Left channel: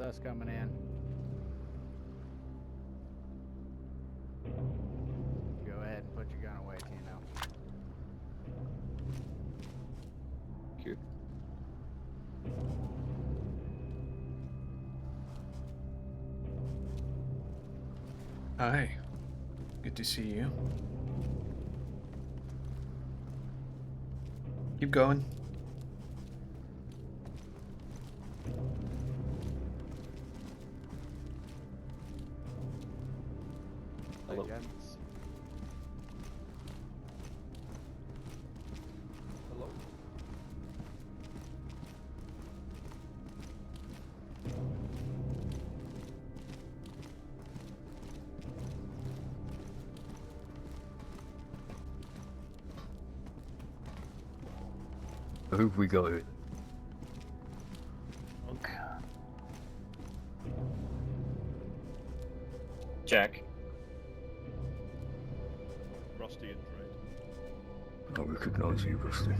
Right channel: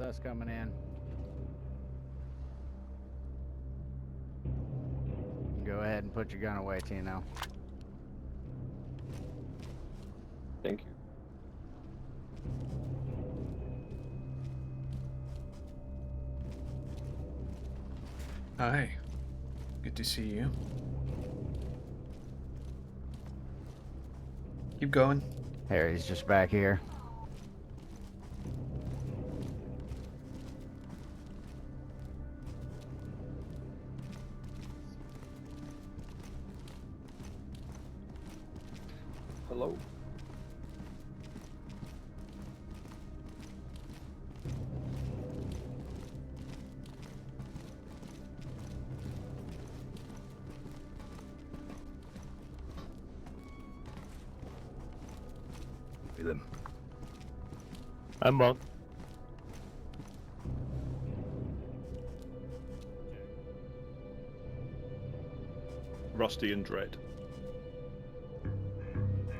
with us coming in. Go ahead and put your gun away, Tino. Thank you. Hi. Good to see you. Keep going. Harry's just back here. Hello. Hello. Who've we got with them? I'm Monk. Jack. Rusty and Dread. I recognise you, Rusty.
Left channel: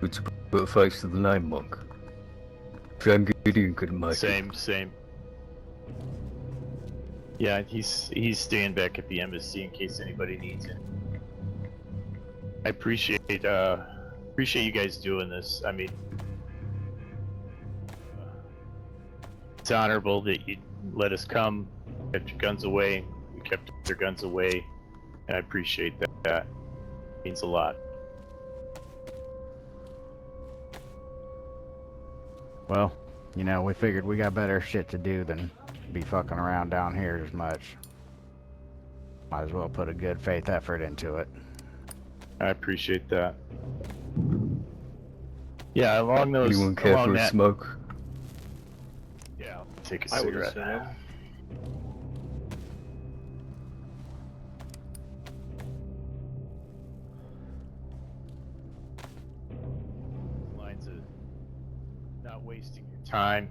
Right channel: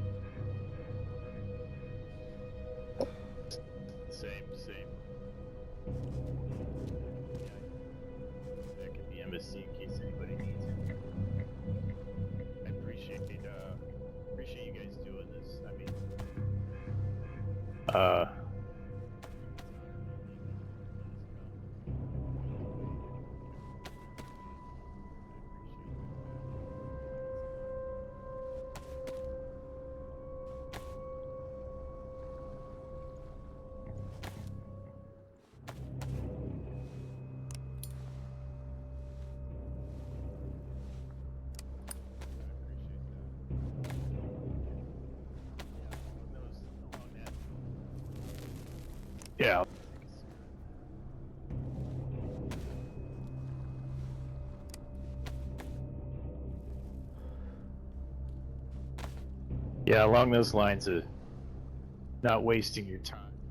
Good to put a face to the name, Monk. Shame Gideon couldn't make it. Same. Yeah, he's staying back at the embassy in case anybody needs it. I appreciate you guys doing this. I mean, it's honorable that you let us come, kept your guns away. We kept your guns away, and I appreciate that. That means a lot. Well, you know, we figured we got better shit to do than be fucking around down here as much. Might as well put a good faith effort into it. I appreciate that. Yeah, along those. Anyone care along for a that, smoke? Yeah, I'll take a I would cigarette. assume. Yeah, along those lines of not wasting your time.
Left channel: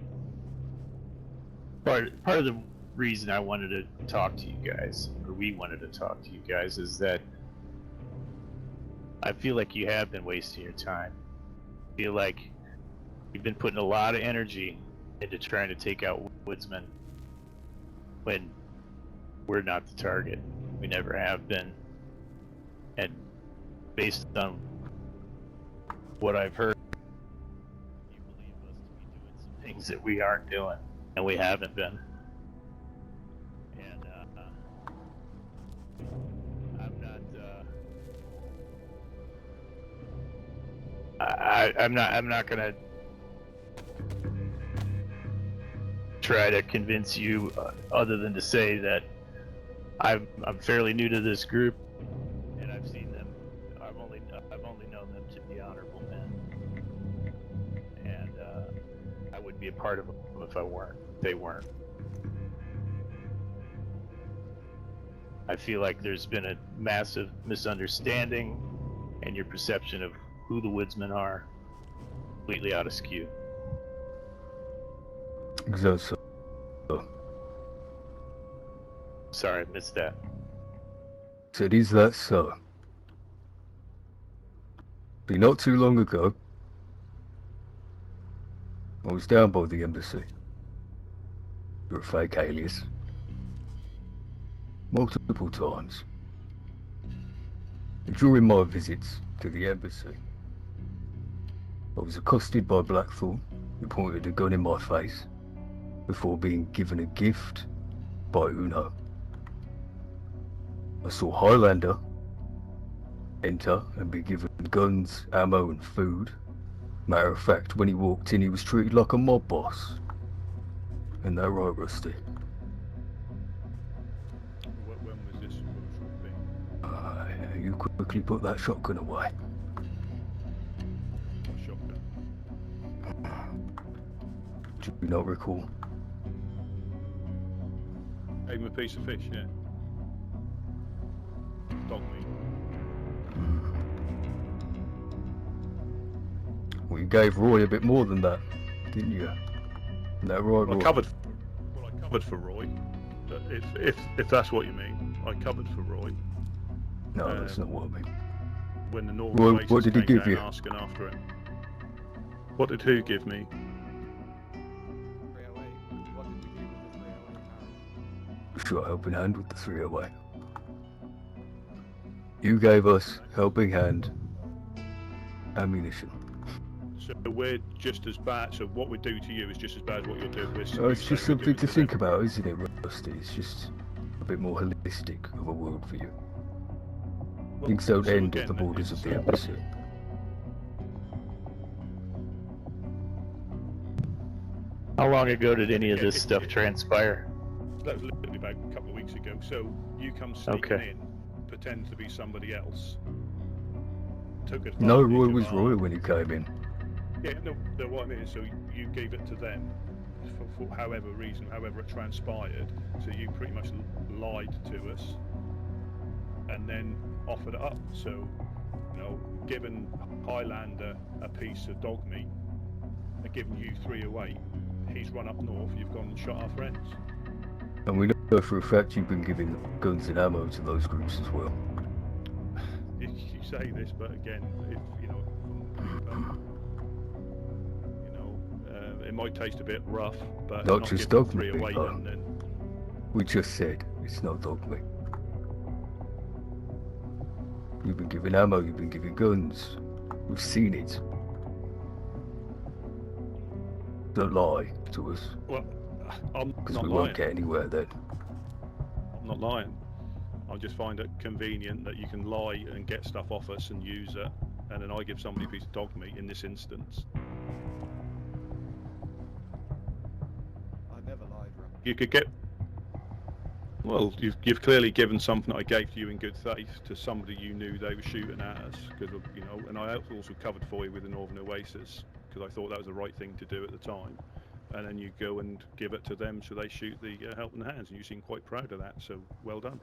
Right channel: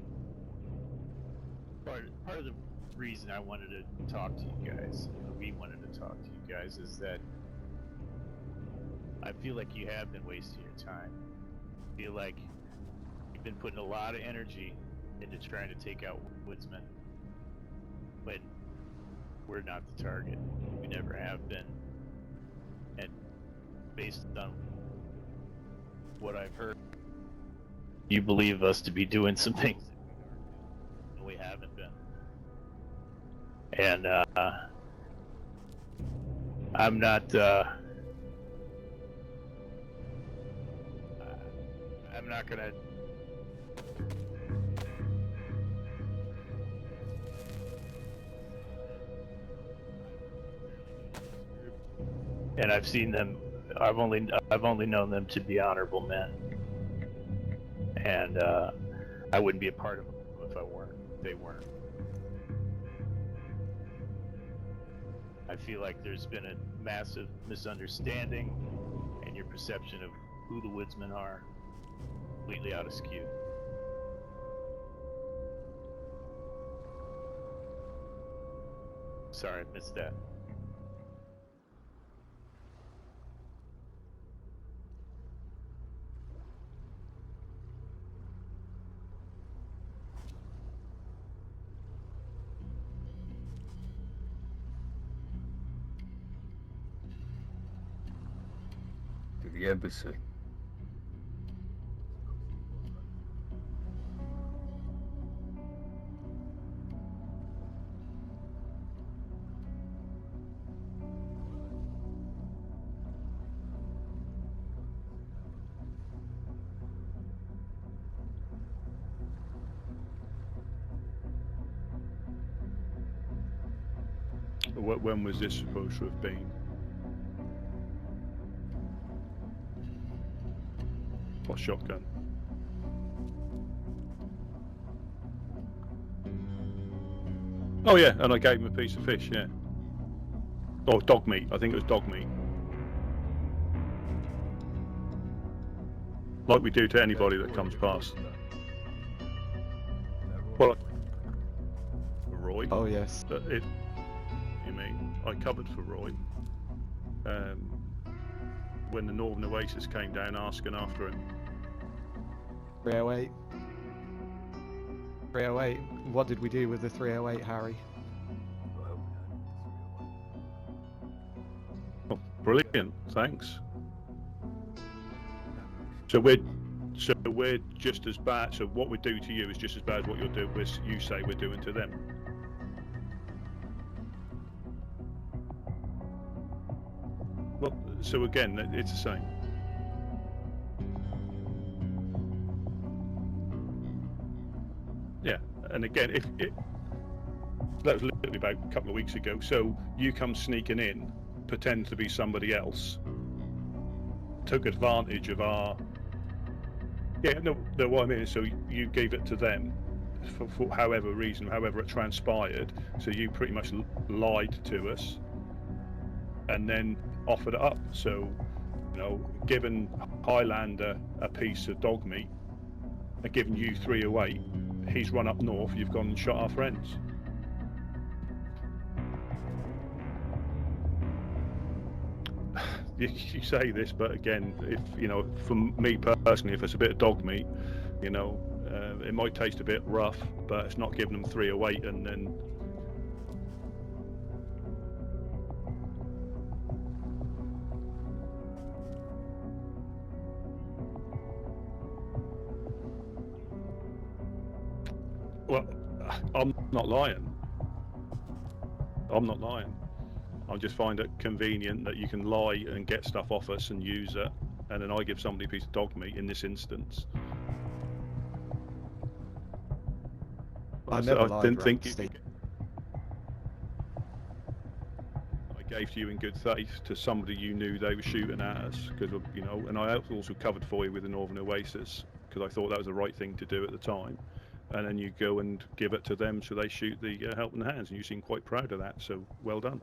Part of the reason I wanted to talk to you guys, or we wanted to talk to you guys, is that I feel like you have been wasting your time. I feel like you've been putting a lot of energy into trying to take out Woodsmen when we're not the target. We never have been. And based on what I've heard, you believe us to be doing some things that we aren't doing, and we haven't been. And I'm not. I'm not gonna try to convince you, other than to say that I'm fairly new to this group, and I've seen them. I've only known them to be honorable men, and I wouldn't be a part of them if I weren't. They weren't. I feel like there's been a massive misunderstanding, and your perception of who the Woodsmen are completely out of skew. Exactly. Sorry, I missed that. Said, is that so? See, not too long ago, I was down by the embassy. You're a fake alias. Multiple times. And during my visits to the embassy, I was accosted by Blackthorn, who pointed a gun in my face before being given a gift by Uno. I saw Highlander enter and be given guns, ammo and food. Matter of fact, when he walked in, he was treated like a mob boss. Isn't that right, Rusty? When was this supposed to have been? You quickly put that shotgun away. What shotgun? Do you not recall? Oh yeah, and I gave him a piece of fish, yeah. Oh, dog meat. I think it was dog meat. Like we do to You anybody. gave that Roy a comes bit past. more than that, didn't you? Isn't that right, Well, Roy? I covered for Roy. Oh yes. But if that's what you mean, I covered for Roy No, that's not what I mean. when the Northern Well, Oasis what did he came give down you? asking after him. What did who Yeah, give wait. me? 308. What did we do with the 308, Harry? Shot helping hand with the 308. Oh, You brilliant, gave us thanks. helping hand, ammunition. So we're just as bad. So what we do to you is just as bad as what you're doing. It's You just say we're something doing to to think them. about, isn't it, Rusty? It's just a bit more holistic of a world for you. Well, Things don't so end again, at the borders it's of the the same. opposite. How long Yeah, ago did and any of again, this stuff transpire? That was literally about a couple of weeks ago. So you come sneaking Okay. in, pretend to be somebody else, took No, advantage Roy of was our. Roy when he came in. Yeah, no, what I mean is, so you gave it to them for however reason, however it transpired. So you pretty much lied to us, and then offered it up. So, given Highlander a piece of dog meat, and giving you 308, he's run up north. You've gone and shot our friends. And we know for a fact you've been giving guns and ammo to those groups as well. You say this, but again, if for me personally, if it's a bit of dog meat, it might taste a bit rough, but Not it's not just giving dog 308 meat, and then. We just said it's not dog meat. You've been giving ammo, you've been giving guns. We've seen it. Don't lie to us. Well, I'm 'Cause not we won't lying. get anywhere then. I'm not lying. I just find it convenient that you can lie and get stuff off us and use it, and then I give somebody a piece of dog meat in this instance. I never lied, didn't think you Rusty. could get. Well, you've clearly given something I gave to you in good faith to somebody you knew they were shooting at us, because and I also covered for you with the Northern Oasis because I thought that was the right thing to do at the time. And then you go and give it to them, so they shoot the helping hands, and you seem quite proud of that. So well done.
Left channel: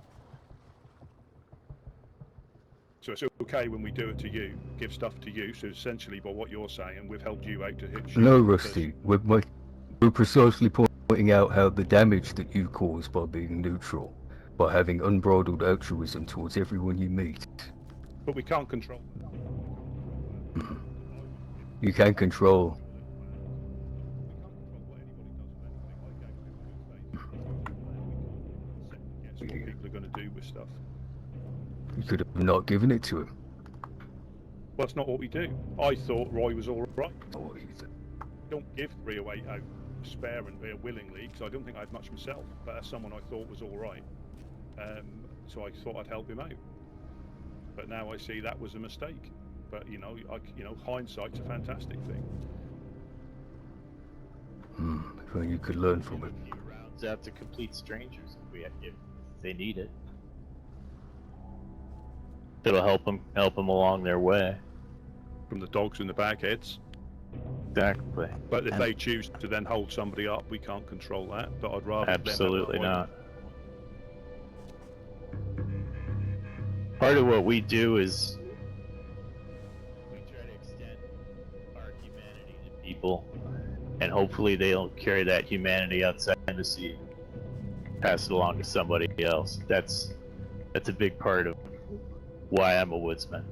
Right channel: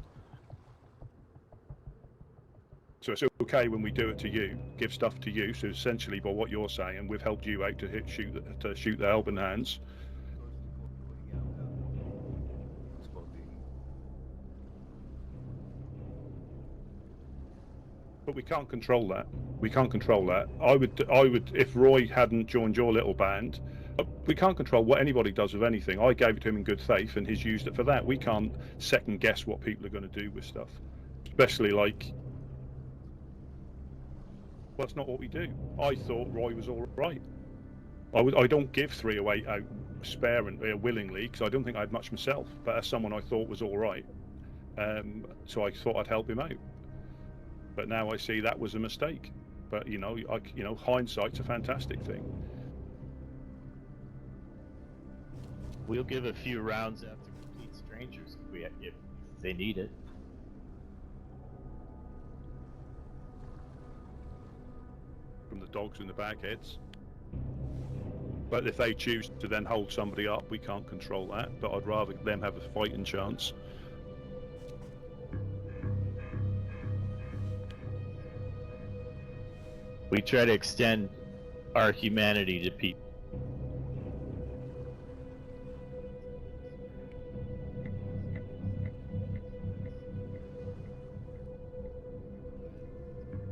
So it's okay when we do it to you, give stuff to you. So essentially, by what you're saying, we've helped you out to shoot No, to Rusty. shoot the We're- helping we're- hands. We're precisely pointing out how the damage that you caused by being neutral, by having unbridled altruism towards everyone you meet. But we can't control that. We can't control that. I would, if We Roy can hadn't control- joined your little band, we can't control what anybody does with anything. I gave it to him in good faith, and he's used it for that. We can't second guess what people are going to do with stuff, especially like. You could have not given it to him. Well, that's not what we do. I thought Roy was all right. I don't give 308 out sparingly, willingly, because I don't think I had much myself. But as someone I thought was all right, so I thought I'd help him out. But now I see that was a mistake. But hindsight's a fantastic thing. Well, you could learn We'll from give it. a few rounds out to complete strangers if they need it. It'll help them along their way. From the dogs and the bagheads. Exactly. But if they choose to then hold somebody up, we can't control that. But I'd rather them have a Absolutely fighting not. chance. Part of what we do is we try to extend our humanity to people, and hopefully they'll carry that humanity outside the sea, pass it along to somebody else. That's a big part of why I'm a woodsman.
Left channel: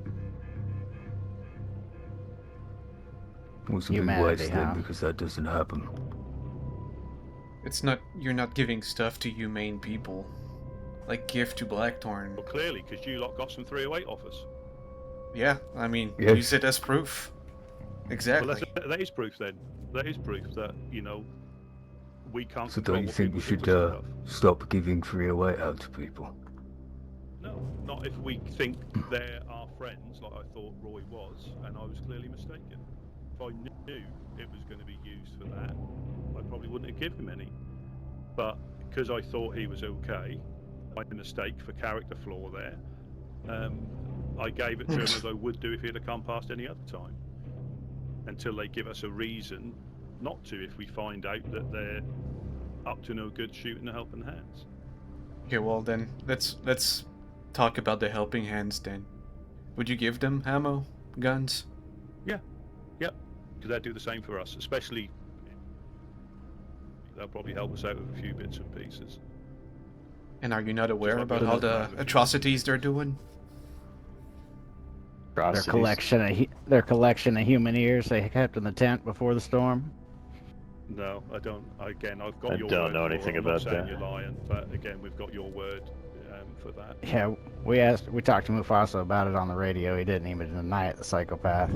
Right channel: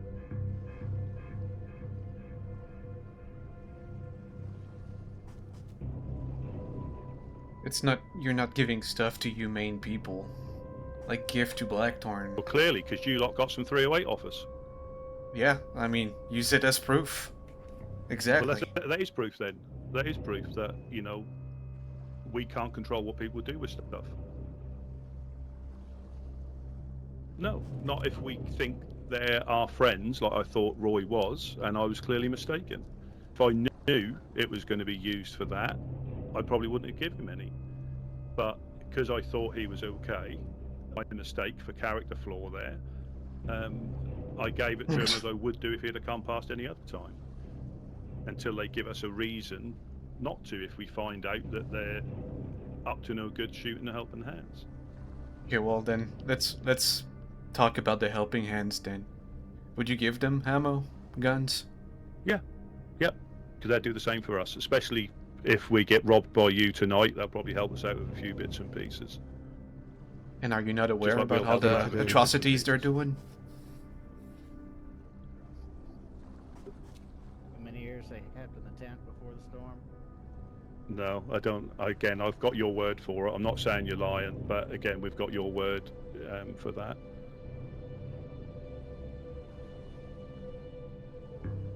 Was a big Humanity, waste then, huh? because that doesn't happen. It's not, you're not giving stuff to humane people. Like gift to Blackthorn. Well, clearly, because you lot got some 308 off us. Yeah, I mean, Yeah. use it as proof. Exactly. Well, that is proof then. That is proof that, we can't So control don't you what think people you do should with stuff. stop giving 308 out to people? No, not if we think they're our friends, like I thought Roy was, and I was clearly mistaken. If I knew it was going to be used for that, I probably wouldn't have given him any. But because I thought he was okay, my mistake for character flaw there, I gave it to him as I would do if he'd have come past any other time. Until they give us a reason not to, if we find out that they're up to no good shooting a helping hands. Okay, well then, let's talk about the helping hands then. Would you give them ammo, guns? Yep, because they'd do the same for us, especially if we get robbed by you tonight. They'll probably help us out with a few bits and pieces. And are you not aware like about we'll all help them the out with atrocities they're doing? Their collection of human ears they kept in the tent before the storm. No, I don't. Again, I've got I your don't word know for it. anything I'm not about saying that. you're lying, but again, we've got your word for that. Yeah, we talked to Mufasa about it on the radio. He didn't even deny it, the psychopath.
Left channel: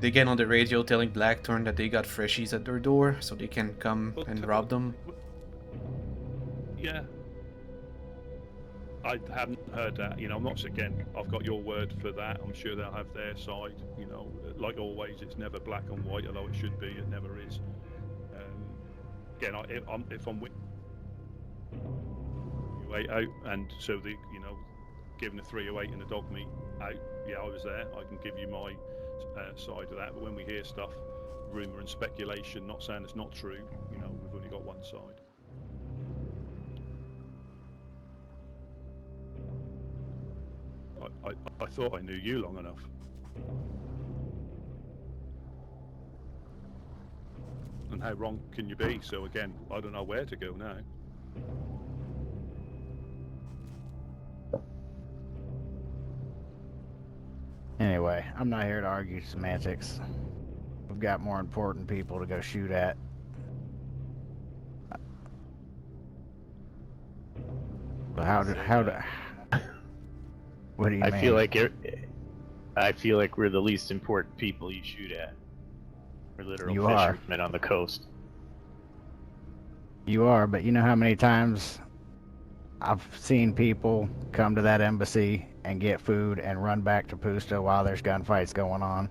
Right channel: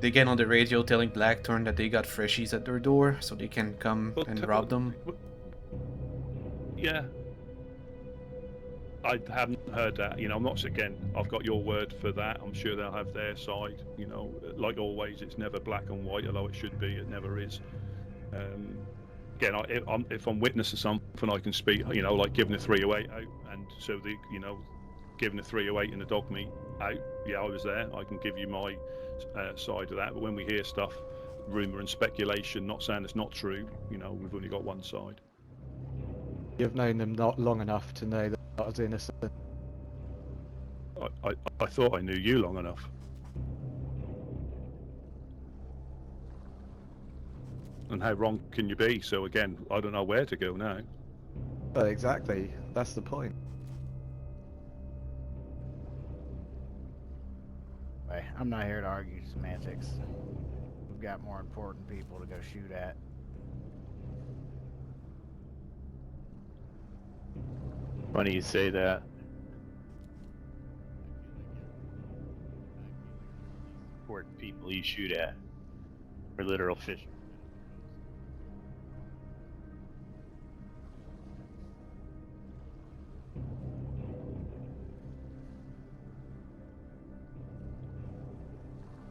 They get on the radio telling Blackthorn that they got freshies at their door, so they can come Well, and rob them. Yeah. I haven't heard that. You know, I'm not again. I've got your word for that. I'm sure they'll have their side. You know, like always, it's never black and white, although it should be. It never is. Again, if I'm witness to something, I can speak. You know, like giving a 308 out, and so giving a 308 and the dog meat out. Yeah, I was there. I can give you my side of that. But when we hear stuff, rumor and speculation, not saying it's not true. You know, we've only got one side. You've known them not long enough to know that I was innocent. I thought I knew you long enough. And how wrong can you be? So again, I don't know where to go now. But exactly, that's the point. Anyway, I'm not here to argue semantics. We've got more important people to go shoot at. When you say that, What do you mean? I feel like we're the least important people you shoot at. We're literal You are. fishermen on the coast. You are, but you know how many times I've seen people come to that embassy and get food and run back to Pusto while there's gunfights going on.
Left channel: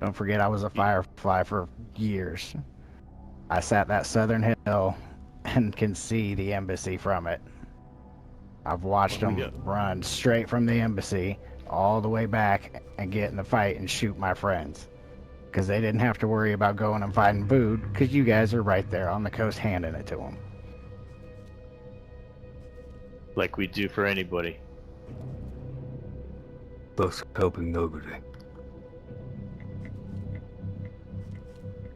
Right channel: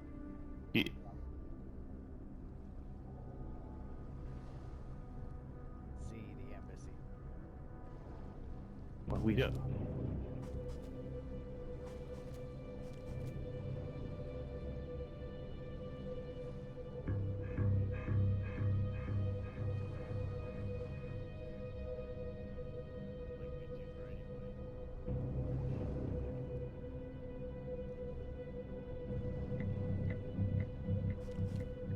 Don't forget, I was a firefly for years. I sat that southern hill and can see the embassy from it. I've watched them run straight from the embassy all the way back and get in the fight and shoot my friends. Because they didn't have to worry about going and finding food, because you guys are right there on the coast handing it to them. Like we do for anybody. Thus helping nobody.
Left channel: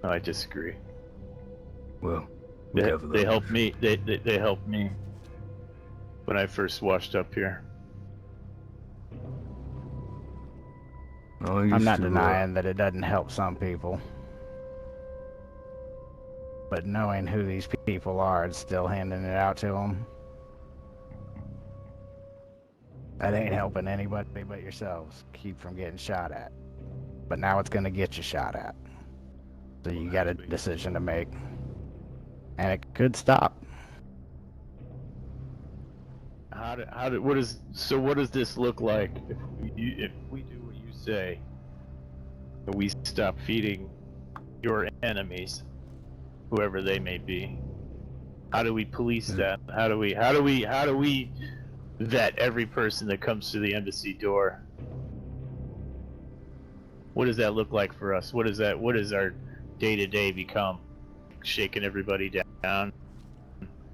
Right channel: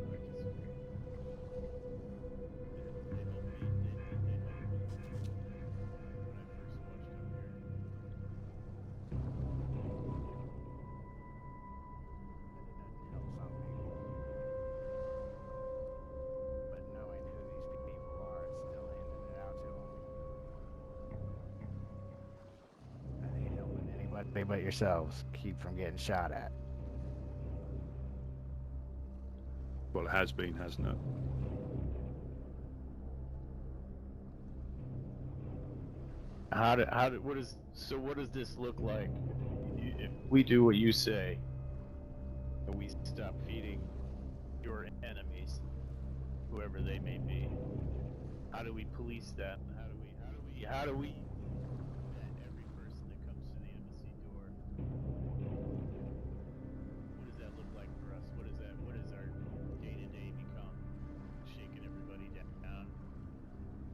No, I disagree. Well, They helped me. They helped me when I first washed up here. I'm not denying that it doesn't help some people. But knowing who these people are and still handing it out to them, that ain't helping anybody but yourselves keep from getting shot at. But now it's going to get you shot at. So Well, you it got has a been, decision hasn't to it? make. And it could stop. What does this look like if we do what you say, and we stop feeding your enemies, whoever they may be? How do we police that? How do we vet every person that comes to the embassy door? What does that look like for us? What does our day-to-day become? Shaking everybody down,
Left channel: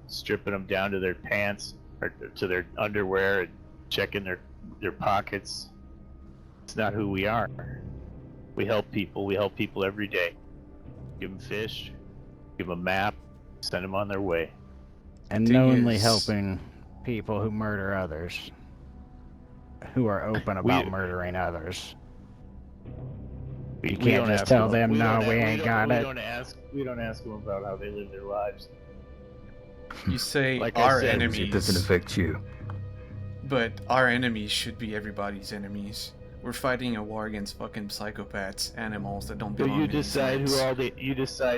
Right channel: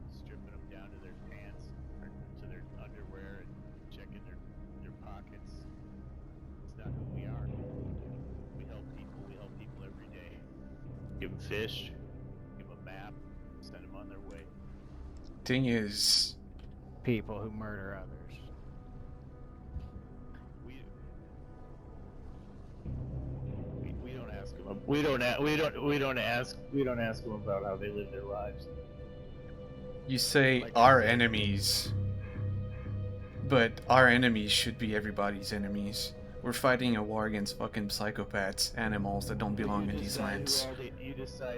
stripping them down to their pants or to their underwear, and checking their pockets. It's not who we are. We help people. We help people every day. Give them fish, give them a map, send them on their way. And Thing knowingly is- helping people who murder others, who are open about murdering others. We can't don't just ask tell them. them, "No, we ain't got it." We don't ask them about how they live their lives. You say Like I our said, It doesn't enemies, affect you. but our enemies should be everybody's enemies. We're fighting a war against fucking psychopaths, animals that don't But belong you in these decide lands.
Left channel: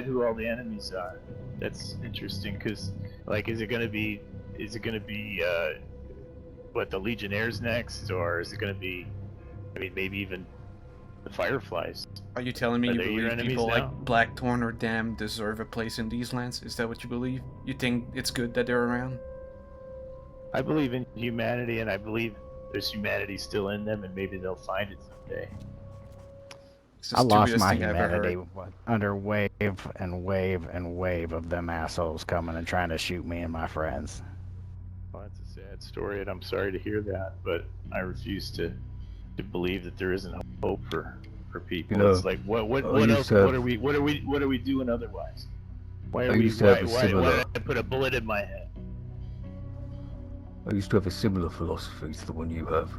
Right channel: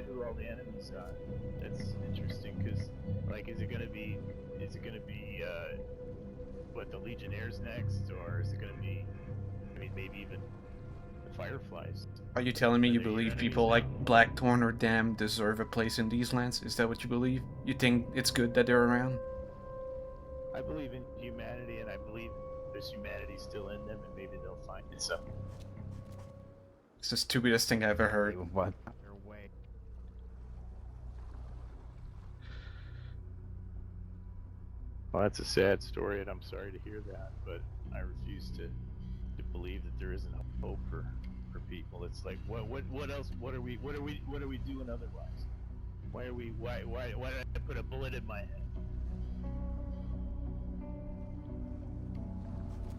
who all the enemies are. That's interesting, because like, is it gonna be what, the Legionnaires next, or is it gonna be, I mean, maybe even the Fireflies? Are you telling me Are you they your believe enemies people now? like Blackthorn or Dam deserve a place in these lands? Is that what you believe? You think it's good that they're around? I believe in humanity, and I believe there's humanity still in them, and maybe they'll find it someday. It's the I lost stupidest my thing I've ever humanity heard. under wave and wave and wave of them assholes coming and trying to shoot me and my friends. Well, that's a sad story, and I'm sorry to hear that, but I refuse to believe that there isn't hope for people. You know, It's like, what I used else? to have- What are we doing otherwise? Why I are we? used to have Why a why similar- did I put a bullet in my head? I used to have a similar philosophy to the one you have.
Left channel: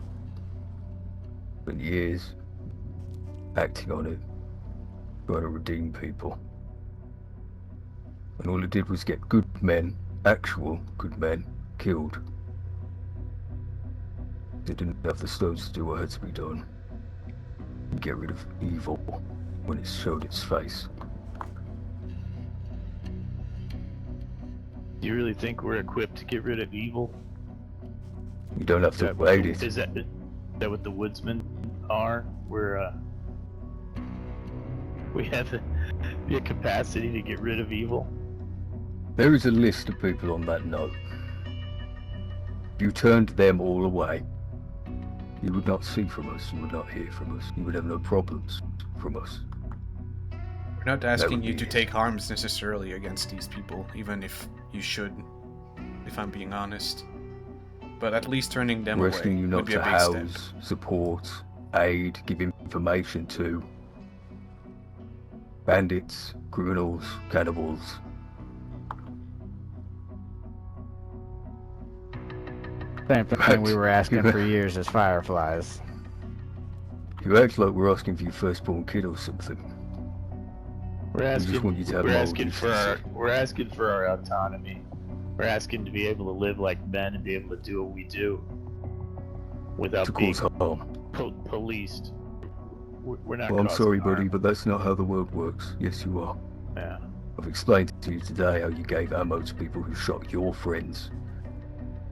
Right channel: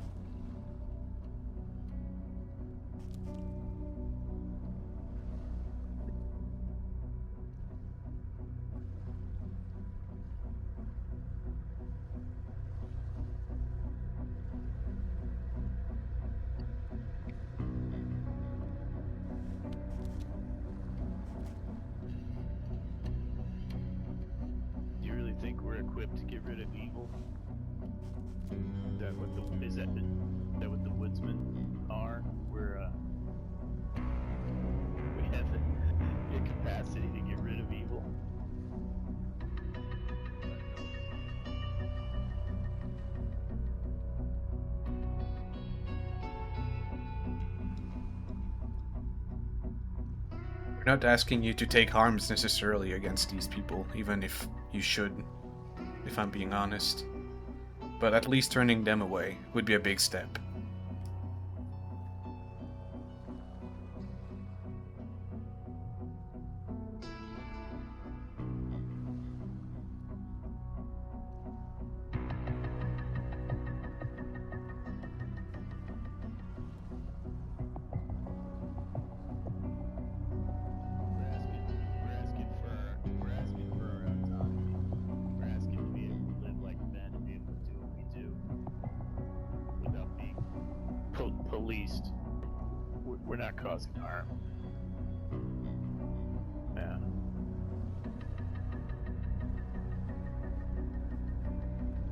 Spent years acting on it, trying to redeem people. And all it did was get good men, actual good men, killed. They didn't have the stones to do what had to be done. Get rid of evil when it showed its face. Do you really think we're equipped to get rid of evil? You don't have to wait it. Is that what the Woodsmen are? We have the capacity to get rid of evil. There is a list of people on that note. If you turned them all away, you would not see from us, you would not hear from us, you would have no problems from us. We're not asking you to take arms necessarily against these people, even if you should, if I'm being honest. But at least turning them We're away asking you not would be a to big house, step. support, aid, give information to bandits, criminals, cannibals. Same thing Right. we were asking for years as Fireflies. You act like we're asking for your firstborn kid or something. We're just want you to have we're moral asking for our autonomy. We're asking to be able to live like men and be able to do what we do without To being cause harm. policed. We're not. Well, I'm causing sorry, harm. buddy, but that's not how the world works. Yes, you are. Yeah. I've explained to you today how you gave ammo to people who shot your friends.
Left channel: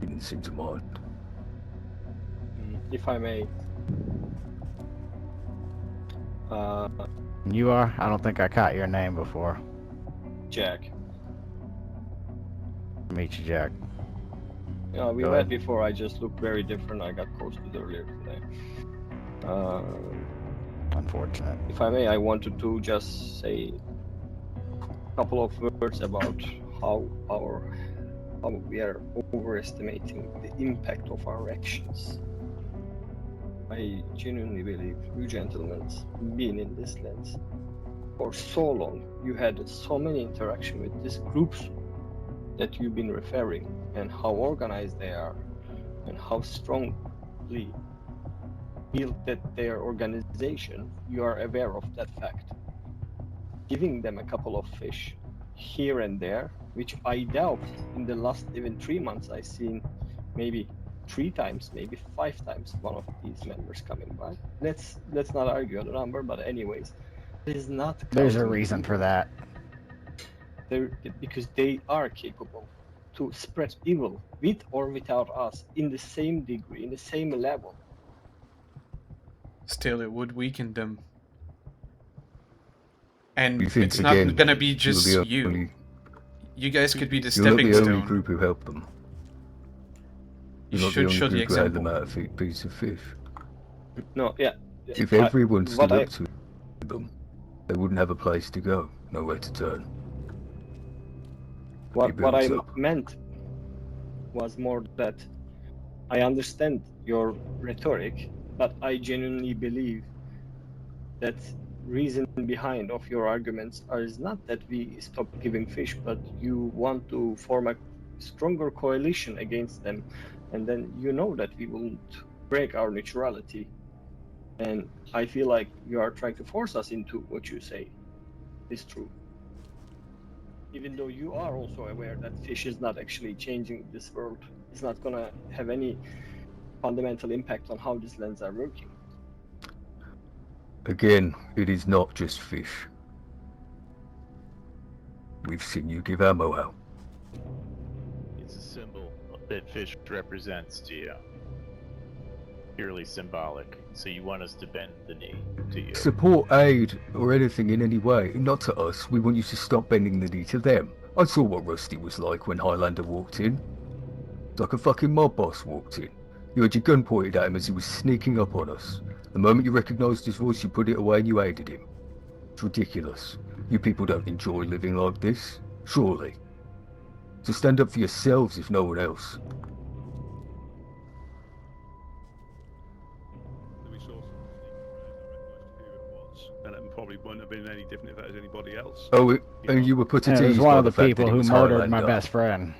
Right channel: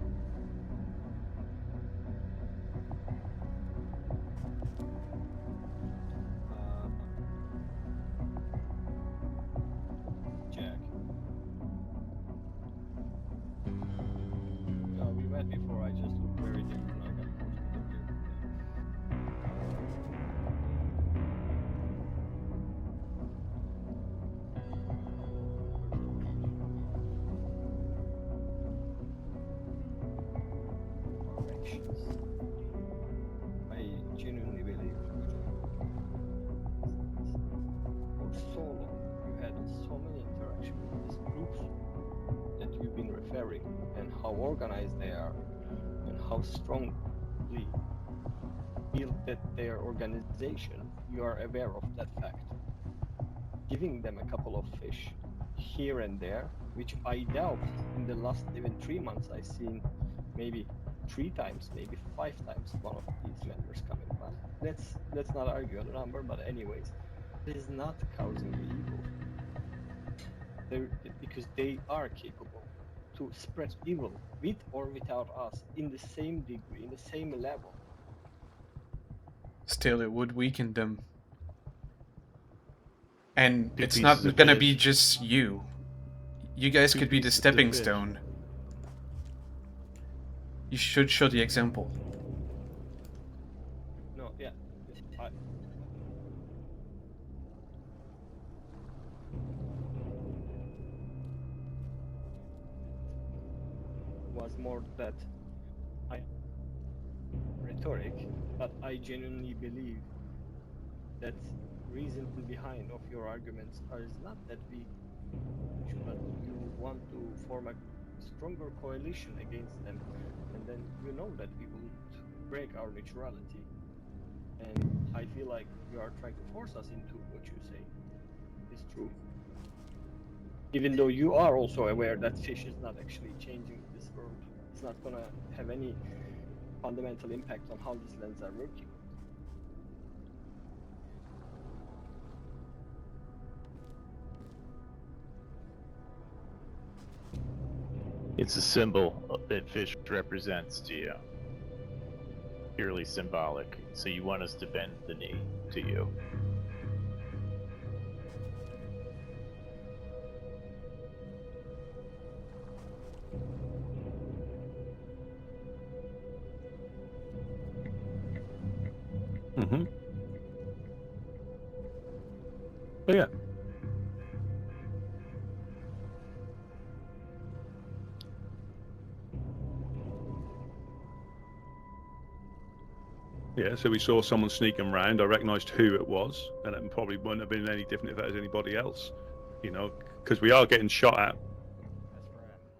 You didn't seem to mind. If I may. You are? I don't think I caught your name before. Jack. Meet you, Jack. Yeah, we Go met ahead. before. I just looked very different. I got posted earlier today. Unfortunate. If I may, I wanted to just say a couple of words about how we are overestimating the impact of our actions. I genuinely believe you gentlemen, being in this lens for so long, you had so many interaction with these groups that you've been referring, and how organized they are, and how strongly built that their organization. You are aware of that fact. Giving them a couple of fish here and there, which I doubt in the last even 3 months I've seen maybe 3 times, maybe 5 times one of these members coming by. Let's not argue on the number, but anyways, it is not There's a causing reason for evil. that. Because they are capable to spread evil with or without us in the same degree, in the same level. Still, it would weaken them. And You think it's not again, gonna be you're just the you. only- You guys could be the You're not stepping the only stone. group who helped them. You You're not should only show the group who had example. them out of a piece of fish. No, yeah. If I- everyone stood what up to them, they wouldn't have a place to go, nowhere to turn. What I builds up. meant was more that I understand your rhetoric, but I genuinely believe that reason behind of your arguments is not that we stop giving fish, but you want to form a stronger coalition against them, and then you know that we won't break our neutrality. And I feel like you are trying to force us into what you say is true. Even though you are also aware that fish is not actually changing this world, it's not gonna have any fundamental impact on how these lands are working. Again, it is not just fish. We've seen you give ammo out. It's a symbol that fish represents to you. Purely symbolic. So you want us to bend the knee to you. Support, aid, or anything in any way. Not to us. We want you to stop bending the knee to them. I saw what Rusty was like when Highlander walked in. Like a fucking mob boss walked in. You had your gun pointed at him as he was sneaking up on us. The moment you recognised his voice, you put it away and you aided him. It's ridiculous. You people don't enjoy living like this, surely. So stand up for yourselves if no one else. Yeah, so we saw someone sneaking around. I recognised who it was, and it probably wouldn't have been any different if that was anybody else. Oh, You and know, you were put It in we was are one getting of the shot people at. who It's murdered my Highlander. best friend.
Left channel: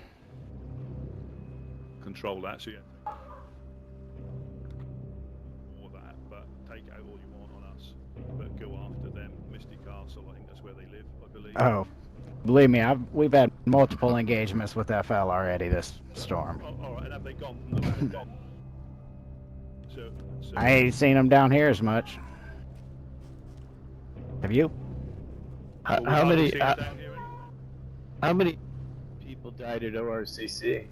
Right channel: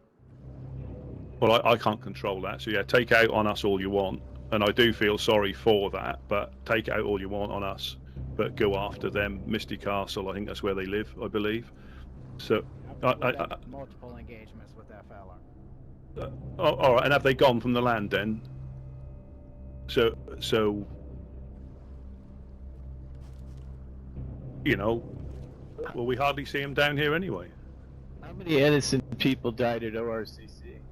Well, I can't control that, so yeah, take out on us all you want, and I do feel sorry for that, but take it out all you want on us. but go after them. Misty Castle, I think that's where they live, I believe. Oh, So- believe me, I- we've I- had multiple engagements with FL already this storm. Oh, all right, and have they gone from the land then? So I ain't seen them down here as much. Have you? you know, How- well, we've how hardly many- seen them down here anyway. How many innocent people died at ORCC?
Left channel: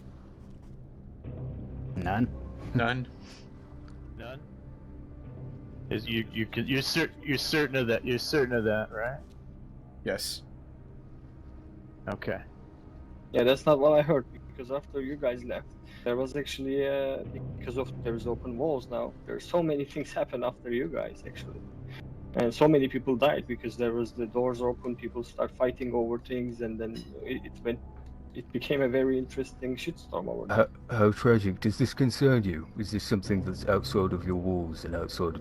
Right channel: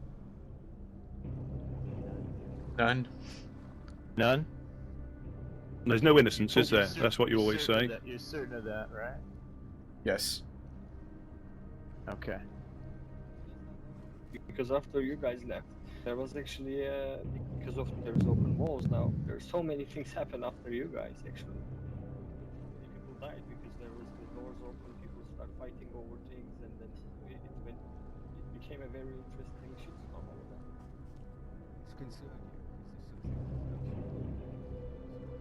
None. None. None? There's no innocence, is there? That's what you always certain say. Of that, you're certain of that, right? Yes. Okay. Yeah, that's not what I heard, because after you guys left, there was actually because of there's open walls now. There's so many things happen after you guys actually, and so many people died because there was the doors open. People start fighting over things, and then it became a very interesting shitstorm over there. How tragic. Does this concern you? Is this something that's outside of your walls and outside of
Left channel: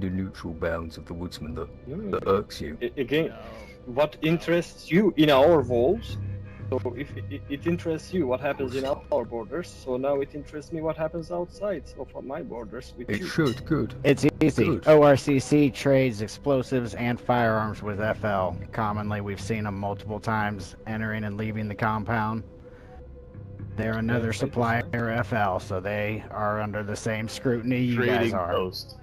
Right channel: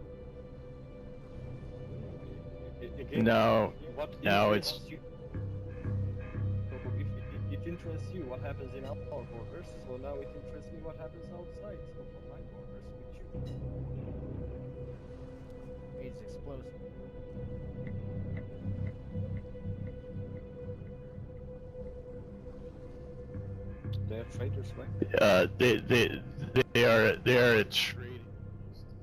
the neutral bounds of the Woodsman that irks you? Again, No. what No, interests you in our walls? So if it interests you what happens in our borders, so now it interests me what happens outside, so from my borders with It you. should, good. It's easy. Good. ORCC trades explosives and firearms with FL. Commonly, we've seen them multiple times entering and leaving the compound. They're another fine. supplier of FL, so they are under the same scrutiny you guys are. Post.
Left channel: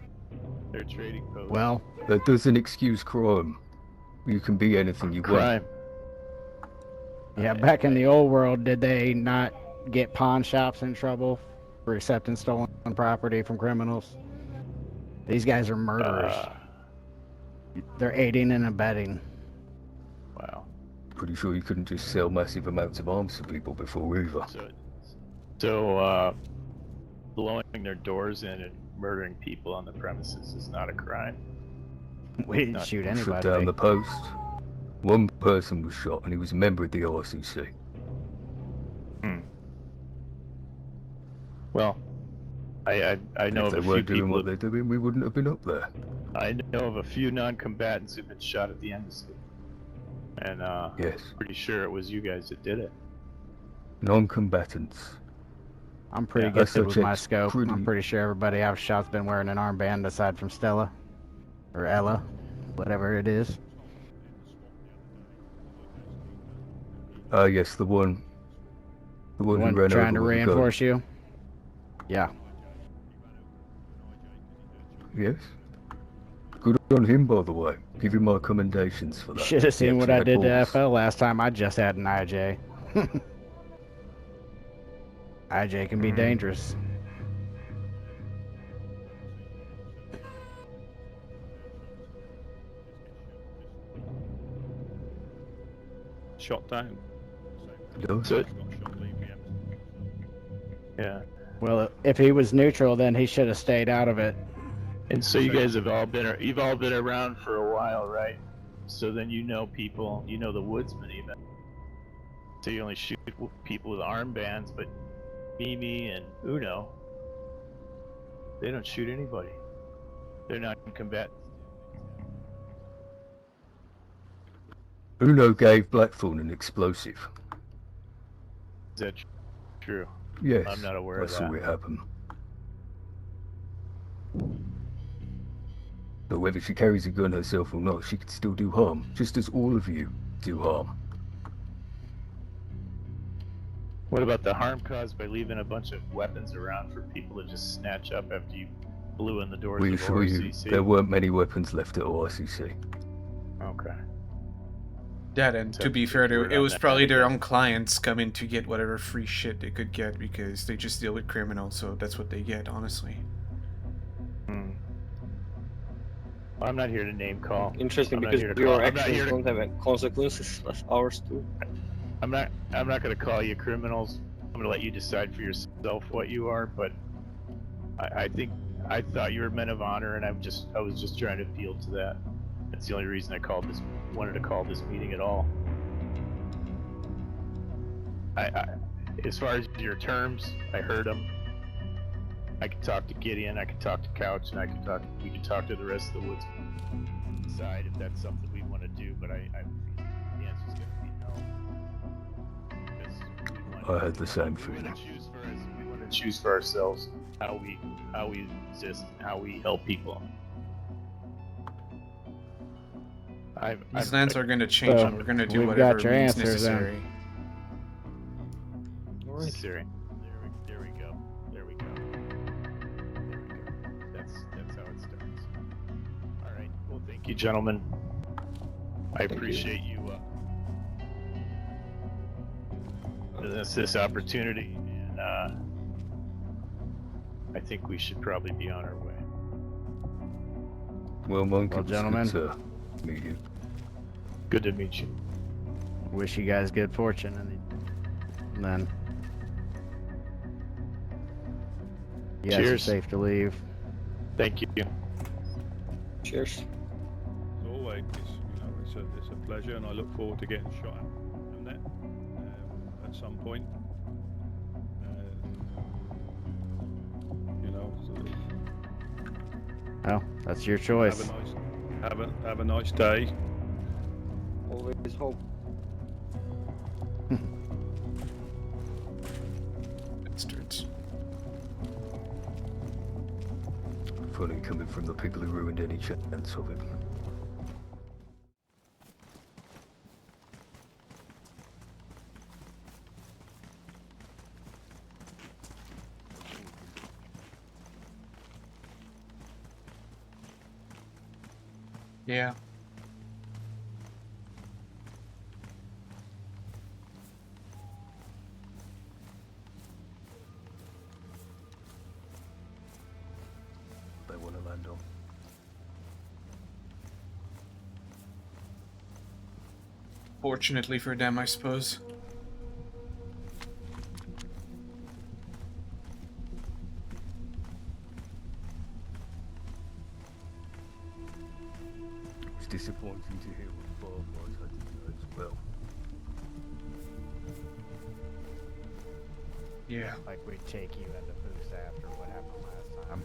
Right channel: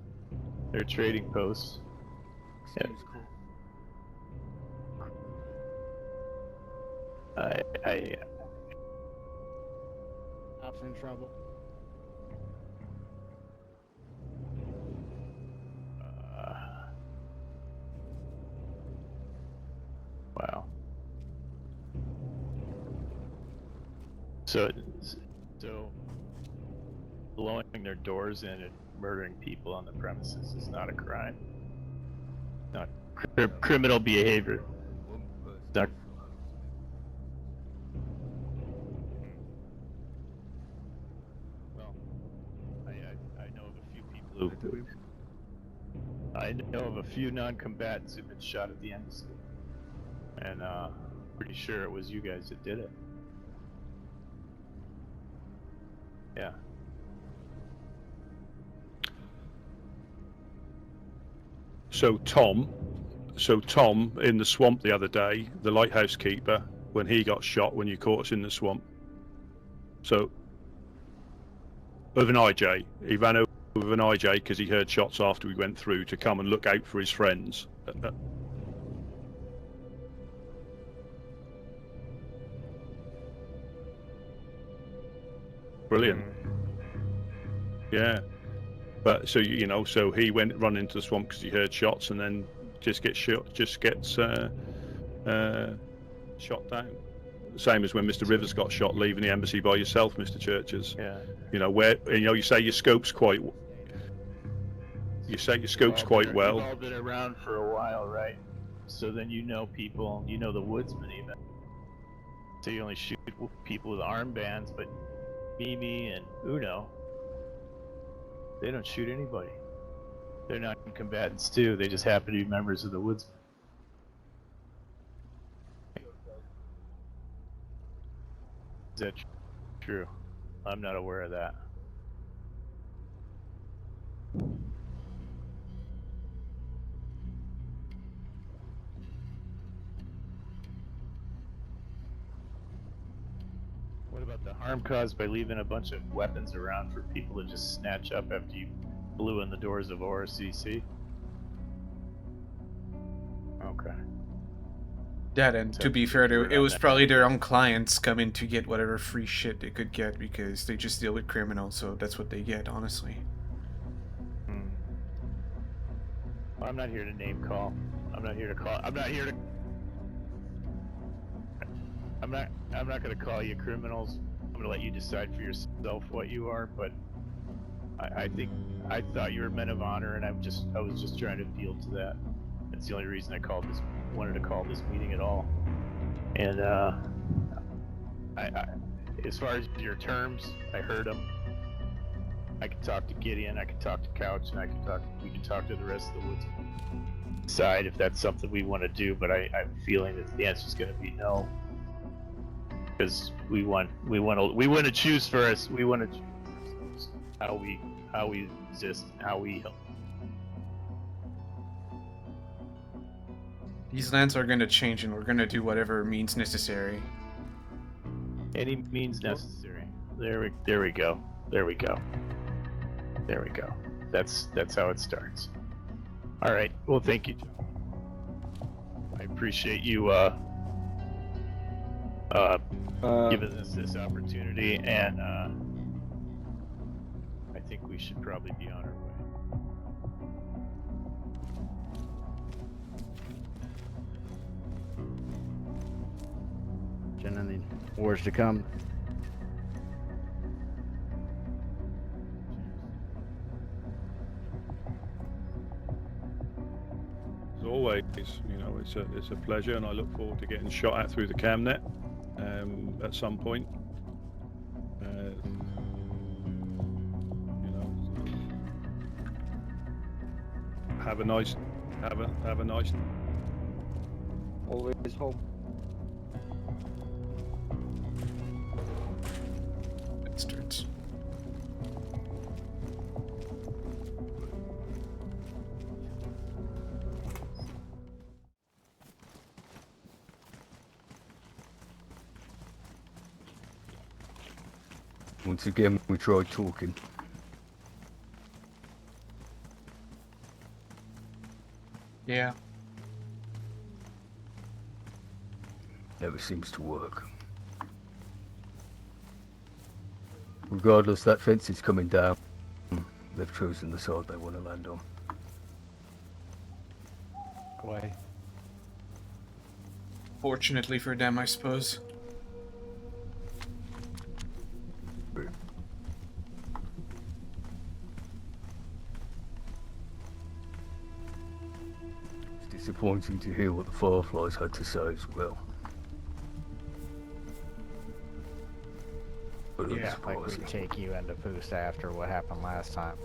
They're a trading post. Well, That doesn't excuse crime. You can be anything you want. crime. yeah, back in the old world, did they not get pawn shops in trouble for accepting stolen property from criminals? These guys are murderers. They're aiding and abetting. Wow. Pretty sure you couldn't just sell massive amounts of arms to people before either. So blowing their doors in and murdering people on the premises is not a crime. We didn't Not shoot for anybody. down the Criminal post. behavior. One person Doc- was shot and he was a member of the RCC. Well, I know If of they a few weren't doing people. what they're doing, we wouldn't have been up there. I know of a few non-combatants who've been shot at the embassy, and Yes. pretty sure it was you guys that did it. Non-combatants. I'm pretty Yeah, good that's with my such a scope. I'm pretty- pretty sure everybody I've shot's been wearing an armband aside from Stella. Or Ella, So Tom, whatever it is. so Tom in the swamp the other day, the lighthouse keeper, when he got yes, shot when the you one. caught us in the swamp The one who One ran trying over to the reinforce you. Yeah. with an IJ. He ran over with an IJ because he heard shots Yes. after we went through to come and look Good out for on his him, friends. by the way. Give him my commendations for that. Should have seen He what I actually did to had FL last time. I just had an IJ. IJ can Brilliant. be dangerous. Yeah, but so you know, so he run into the swamp because he heard shots and then just gets shot, shot down. Same as when You know, Mr. so- Rivers got shot leaving the embassy by yourself, Mr. Churches. Yeah. You know Well, where if you he know, was you're saying neutral, your scope's then he quite. should have stayed out of it. And so You you say guys the have scope's all quite been, well. you've all been around for a while, right? So then you know people, you know the Woodsmen even. So you only shoot people with armbands, but Mimi and Uno, they don't shoot anybody. They're not combatants too. They just happen to be members of the Woodsmen. Uno gave Blackthorn an explosive. Is that true? Yes. I'm not aware I of saw that. it happen. But whether she carries a gun herself or not, she can still do harm, just as all of you do harm. What about the harm caused by leaving a bunch of weapons around for people to just snatch up after you blew in the doors We of assure you, ORCC? there weren't many weapons left at ORCC. Okay. That, and to be fair, it was probably their own clients coming to get whatever free shit they could get because they just deal with criminals, so that's what they get, honestly. Well, I'm not here to name call. Interesting, I'm not because here to your call. I'm not actions here to. don't have any consequences, but ours do. I'm not going to call you criminals. I'm going to let you decide for yourself what you are. But I thought you were men of honor, and I was just trying to appeal to that. That's the only reason I wanted to call this meeting at all. And as far as your terms, I heard them. I could talk to Gideon, I could talk to Couch, and we can talk to the rest of the Woods side if that's something we want to do. But I'm feeling that the answer is going to be no, because we want to choose for us. We want to choose for ourselves how we exist, how we help people. These lands are going to change, So, and we're going to do we've whatever got your means answer then. necessary. Any means necessary. There we go. There we go. There we go. That's how it starts. All right. Well, thank you, gentlemen. I appreciate you giving us this opportunity, and I think we should probably be on our way. Well, Monk, Well, it was gentlemen. good to meet you. Good to meet you. Wish you guys good fortune in the wars to come then. You guys are Cheers. safe to leave. Thank you. Cheers. As always, you know, it's a pleasure, and I look forward to getting shot at through the camnet at some point. You know, Well, that's your choice. have a nice day. Always hope. Bastards. Funny coming from the people who ruined any chance of it. Once again, we tried talking. Yeah. Never seems to work. Regardless, that fence is coming down. They've chosen the side they want to land on. Way. Fortunately for them, I suppose. It's disappointing to hear what the Fireflies had to say as well. But Yeah. Like we take you into Poos after what happened last time.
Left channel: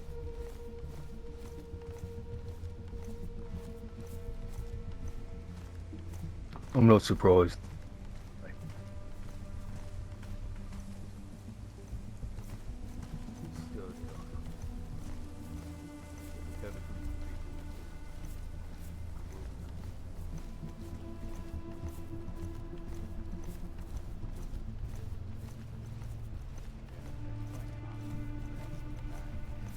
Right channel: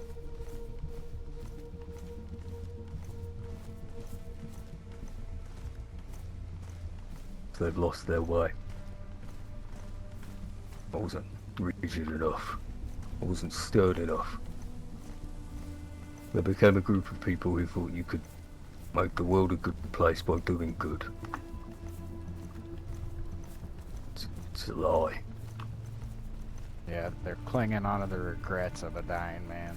I'm not surprised they've lost their way. I wasn't rigid enough. I wasn't stern enough. They became a group of people who thought you could make the world a good place by doing good. It's a lie. Yeah, they're clinging onto the regrets of a dying man.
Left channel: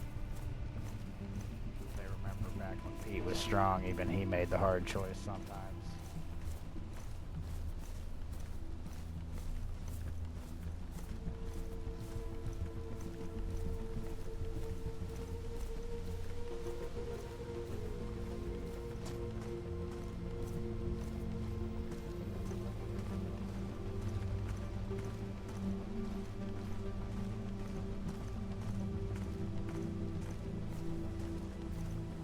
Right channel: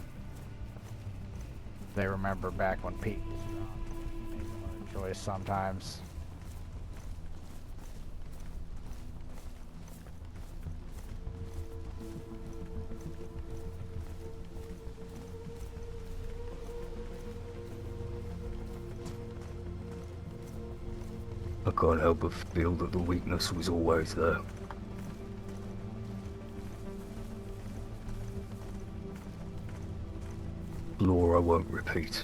They remember back when Pete was strong, even he made the hard choice sometimes. I can't help but feel that the weakness was always there. Law I won't repeat.